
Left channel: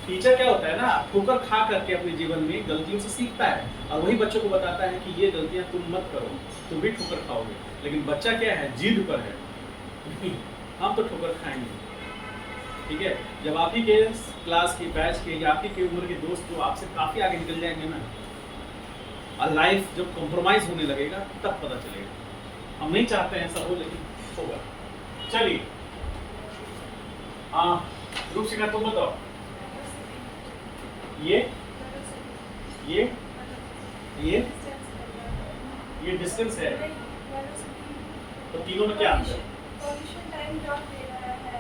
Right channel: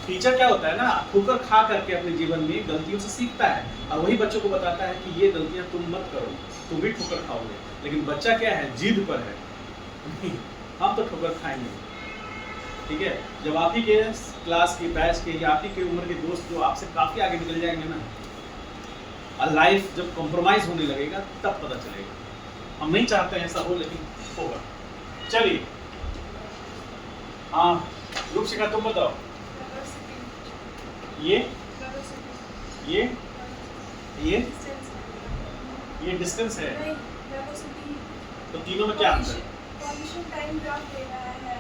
टीचर क्या होता है ना, ठोकर खा करके अपने जीवन में गलतियों से सीखता है और वही बच्चों को बताता है कि ये गलतियां तुम मत करो, तुम भी ठोकर खाओगे। लेकिन बच्चा क्या है, जिद पर है हम तो ठोकर खाएंगे। ठीक है, जब आप ही के क्लास के बैच के या आप ही के उम्र के दोस्त जो आपसे काफ़ी आगे निकल जाएंगे ना, और लाइफ जब कॉम्प्रोमाइज़ होने लगेगा तब पता चलेगा। हम नहीं चाहते हैं ऐसा हो, लेकिन होगा। चलिए, हाँ रूप शिखा तुम बताओ। ये डिस्टेंस है, तो तीनों में क्या अंतर है? पोजीशन टाइम ग्राफ दे रहा है।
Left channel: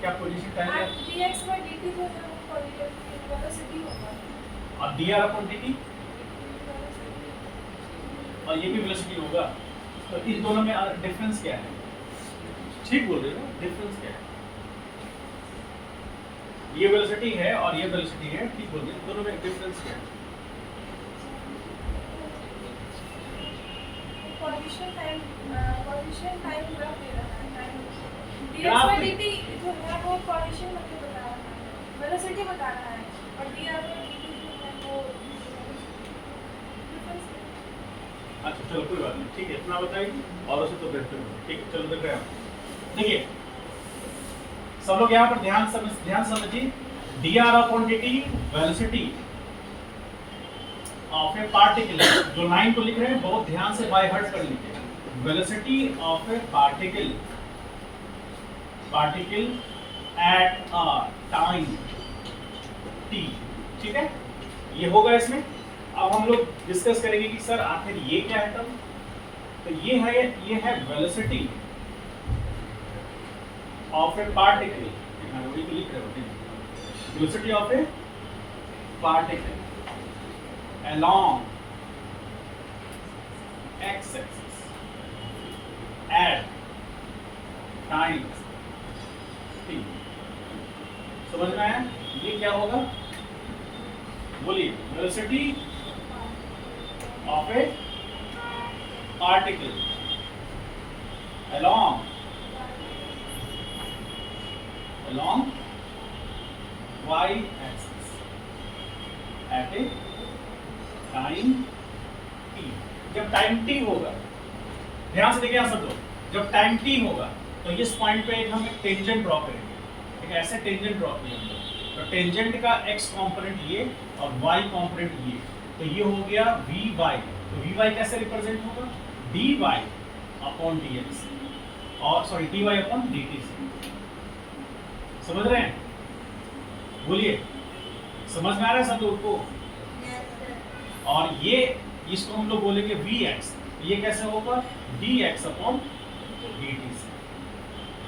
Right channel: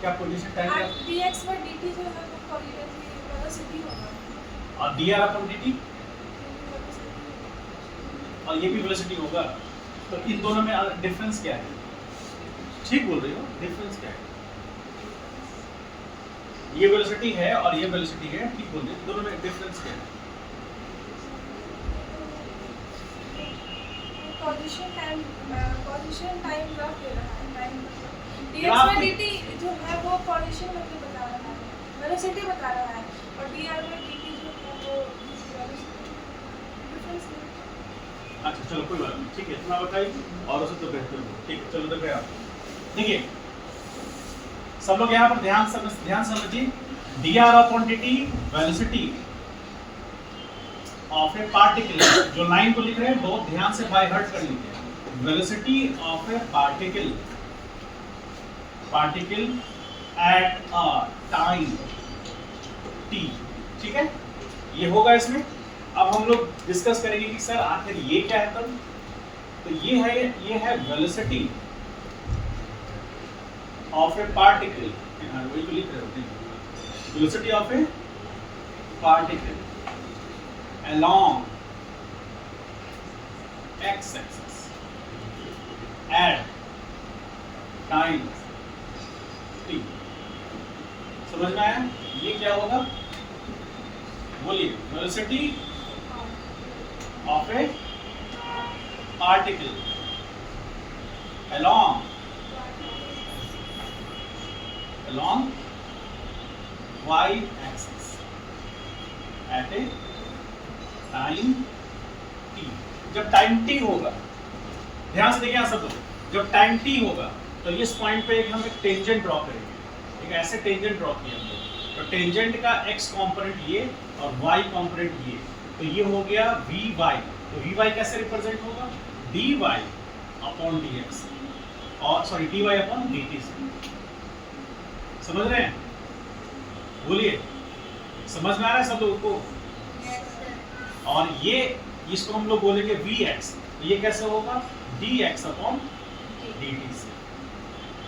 क्या पोजीशन टाइम है dx by dt जो है वो वेलोसिटी होगा और dr अपॉन dt और ये भी वेलोसिटी होगा। तो इन दोनों में डिफरेंस क्या है? ठीक बोल रही हो, डिफरेंस क्या है? ये वेलोसिटी है और ये वेलोसिटी है, ठीक बोल रही हो, दोनों में डिफरेंस क्या है? पोजीशन टाइम ग्राफ दे रहा है। टाइम dx ग्राफ by पे- dt जो है वो पोजीशन मतलब बता रहा है, वेलोसिटी बता रहा है, और dr by dt जो है वो डिफरेंस है। अच्छा चलो कोई बात नहीं, ठीक है, इतना बताइए और उसे तो बेहतर हो। ठीक है, चलो देख रहे आप। देखिए सब लोग यहाँ पर ध्यान समझिए। dr upon dt velocity of a particle, जो लाइन को लिख रहे हैं बहुत ध्यान से बाय हार्ट कर लीजिए। Velocity of a particle at a time t, ठीक है, ये होगा इसमें। अब हम लोग डिस्कस करेंगे कि सर आखिर ये क्या है तब। तो ये है वेलोसिटी ऑफ ए पार्टिकल, वही तो लिख रहे हो, velocity of a particle along x axis at time t। समझ में आया? ये क्या होगा बोलिए? Velocity of a particle along y axis at a time t। जब टाइम t होगा, ध्यान से देखिए यहाँ सब लोग, जब टाइम t होगा तो इस पॉइंट पे हम एक टेंजेंट ड्रॉ करेंगे। एक ऐसे टेंजेंट ड्रॉ किया हम लोग, तो टेंजेंट का x कंपोनेंट ये और y कंपोनेंट ये, तो ये हो गया vy। तो vy कैसे रिप्रेजेंट होगा? dy अपॉन dx, और सॉरी dy अपॉन dt से। समझ रहे हैं? बोलिए, समझ में आ रहा है सब लोग को? और ये इसको हम लोग बोलेंगे vx, ये कैसे होगा? dx अपॉन dt से।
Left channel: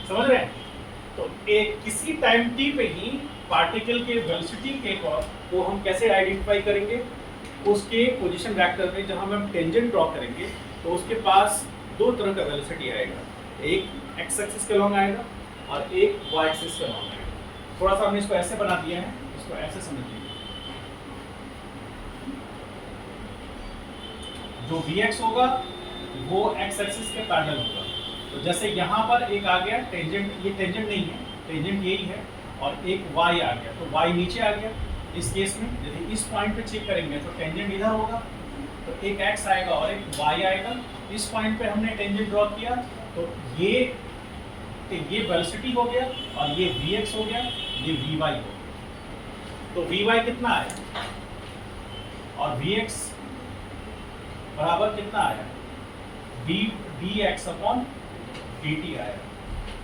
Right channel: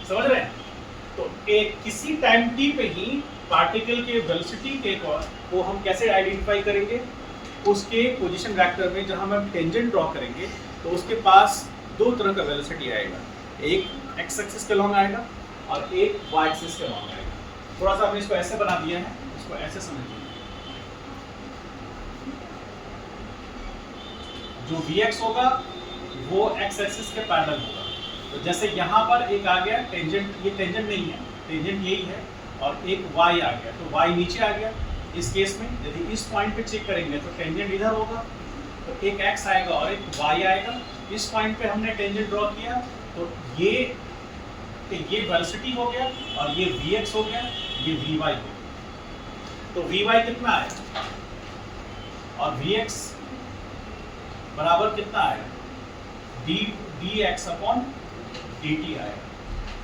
समझ रहे हैं? तो एक किसी टाइम t पे ही पार्टिकल के वेलोसिटी के को हम कैसे आइडेंटिफाई करेंगे? उसके पोजीशन वेक्टर में जहां हम टेंजेंट ड्रॉ करेंगे तो उसके पास दो तरह का वेलोसिटी आएगा, एक एक्स एक्सिस के लॉन्ग आएगा और एक वाई एक्सिस के लॉन्ग आएगा। थोड़ा सा हमने इसको ऐसे बना दिया है, इसको ऐसे समझिए। जो Vx होगा वो x एक्सिस के पैरेलल होगा। तो जैसे यहाँ पर एक आ गया टेंजेंट, ये टेंजेंट नहीं है, टेंजेंट यही है, और एक y आ गया, तो y नीचे आ गया। इस केस में यदि इस पॉइंट पे चेक करेंगे तो टेंजेंट इधर होगा, तो एक x आएगा और एक y आएगा। इस पॉइंट पे हमने टेंजेंट ड्रॉ किया, तो ये वेलोसिटी हो गया और ये Vx हो गया, ये Vy हो गया। तो Vy कितना है और Vx बराबर कितना आएगा? dx अपॉन dt आएगा।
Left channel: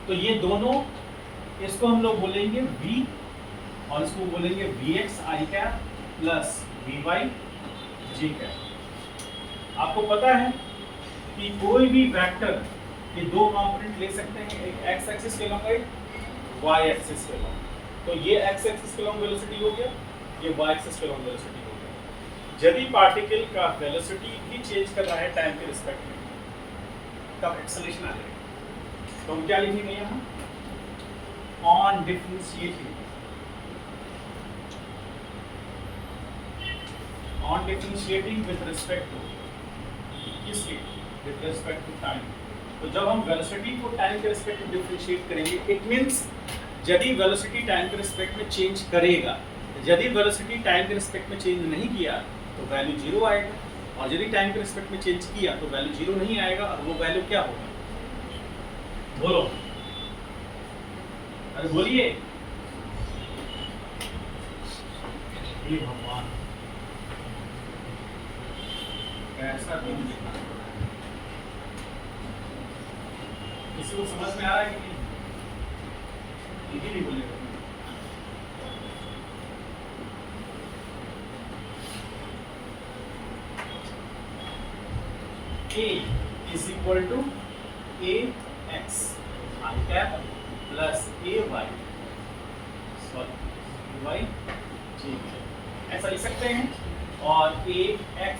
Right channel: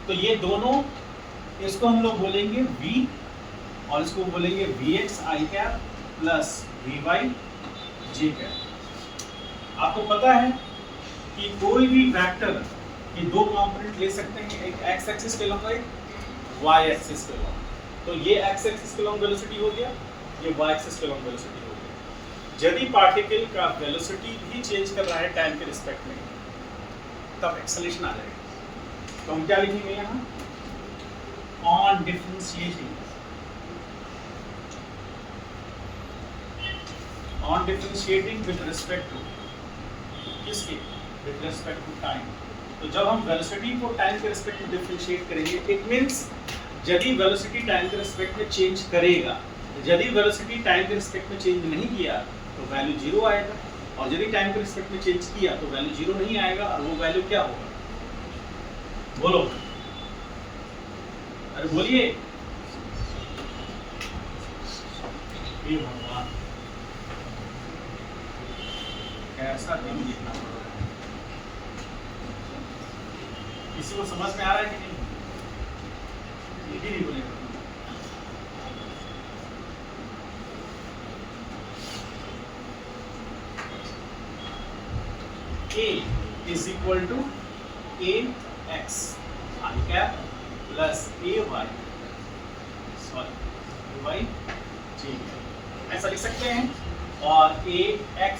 तो ये दोनों, इसको हम लोग बोलेंगे v और इसको बोलेंगे vx i cap plus vy j cap. आपको पता है कि कोई भी वेक्टर के दो कंपोनेंट ले सकते हैं, एक एक्स एक्सिस के लॉन्ग, एक वाई एक्सिस के लॉन्ग। तो ये एक्स एक्सिस के लॉन्ग वेलोसिटी हो गया, ये वाई एक्सिस के लॉन्ग वेलोसिटी हो गया। यदि पार्टिकल का वेलोसिटी भी चेंज कर रहा है टाइम के रिस्पेक्ट में, तब एक्सेलरेशन आ जाएगा। तो हम क्या लिखेंगे यहाँ? On differentiating, on differentiating with respect to किसके? With respect to time. तो जब हम वेलोसिटी को टाइम के रिस्पेक्ट में डिफरेंशिएट करेंगे, इट मींस यदि वेलोसिटी टाइम के रिस्पेक्ट में चेंज करेगा, यदि वेलोसिटी टाइम के रिस्पेक्ट में चेंज नहीं किया तो वैल्यू 0 आएगा, और यदि टाइम के रिस्पेक्ट में चेंज किया तो वैल्यू 0 नहीं आएगा, और वो वैल्यू क्या होगा? बोलो, अरे बोलिए। हे भगवान, कैसा दिन देखना। किसी को समझ में आ रहा है कि नहीं? ये नहीं बोलेगा। A is equal to ax I cap plus ay, sorry ay j, ऐसा लिख सकते हैं। और ax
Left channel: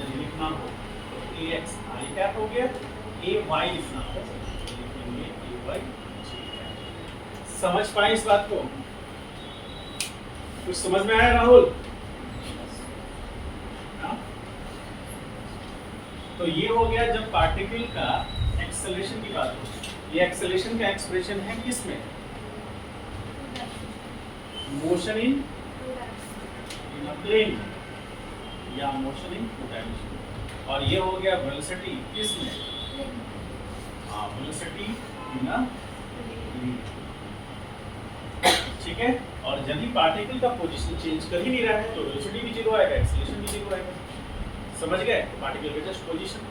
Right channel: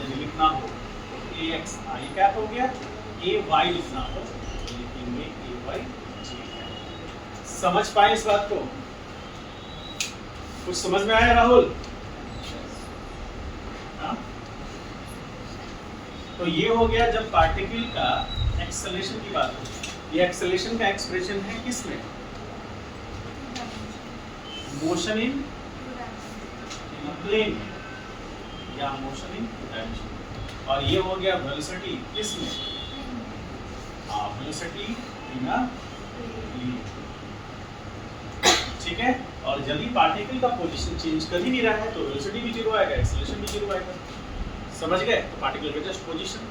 यदि लिखना हो तो ax I cap हो गया, ay लिखना हो तो लिखेंगे ay j cap। समझ पाए इस बात को? कुछ समझ में आया राहुल? तो ये हो गया जब पार्टिकल का एक्सेलरेशन की बात हो। ये एक्सेलरेशन का एक्सप्रेशन है किस में? मोशन इन अ प्लेन या मोशन इन टू डायमेंशन। और ये हो गया वेलोसिटी किस में? हाँ, वेलोसिटी इन अ प्लेन। ठीक है। और यदि पार्टिकल का पोजीशन चेंज कर ही नहीं रहा है तो वेलोसिटी भी 0 आएगा, एक्सेलरेशन भी 0 आएगा। समझ गए? पार्टिकल का जस्ट पोजीशन,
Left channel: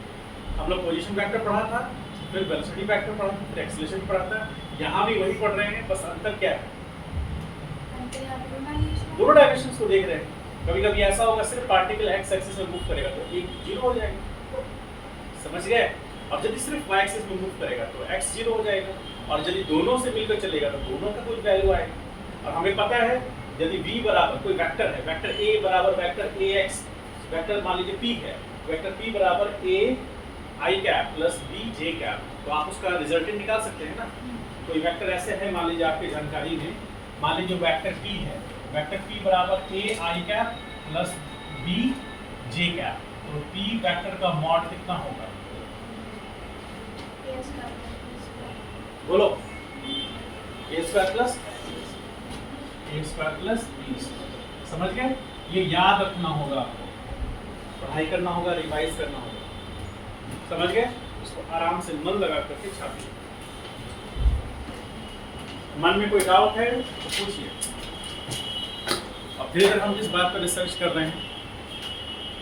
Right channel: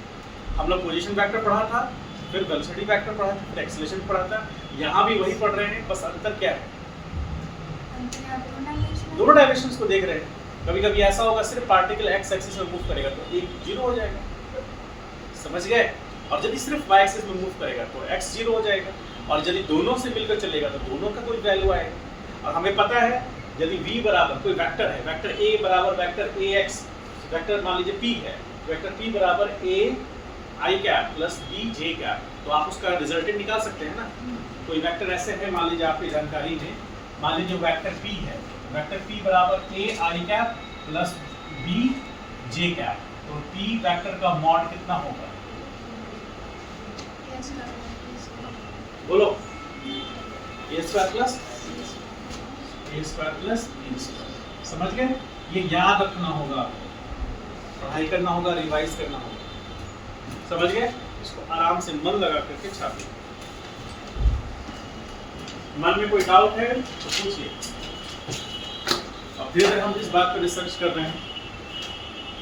हम लोग पोजीशन वेक्टर पढ़ा था, फिर वेलोसिटी वेक्टर पढ़ा था, फिर एक्सेलरेशन पढ़ा था। यहाँ भी वही पढ़ रहे हैं, बस अंतर क्या है? दोनों डायमेंशंस को देख रहे हैं। कभी कभी ऐसा होगा सिर्फ पार्टिकल एक्स एक्सिस में मूव करेगा तो एक 0 हो जाएगा, समझ गए? और यदि सिर्फ वाई एक्सिस में मूव करेगा तो एक्स 0 हो जाएगा, और यदि दोनों से मिलकर चलेगा तो दोनों का कोई वैल्यू आएगा। और हमें पता है यदि v बराबर कोई वेक्टर है, वेक्टर a बराबर वेक्टर ax, वेक्टर मान लीजिए p है, वेक्टर p बराबर a I cap plus b j cap, तो आप उसका रिजल्टेंट निकाल सकते हैं ना। कोई वेक्टर ऐसे है, मान लीजिए आपकी जानकारी में, मान लीजिए वेक्टर p है, वेक्टर p बराबर a I cap plus b j cap, तो p वेक्टर का मॉड कितना होगा? बोलो, a square plus b square. समझ गए? ये याद रखना होगा, पढ़ाई करना होगा, रिवाइज करना होगा। समझ गए? इसको आराम से मन लगा करके छापिए। मन में कोई डाउट है तो पूछिए। अब धीरे धीरे हम इस बात पर रिसर्च कर रहे हैं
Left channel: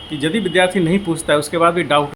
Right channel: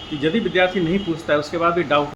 कि यदि विद्यार्थी नहीं पूछता है उसके बाद भी डाउट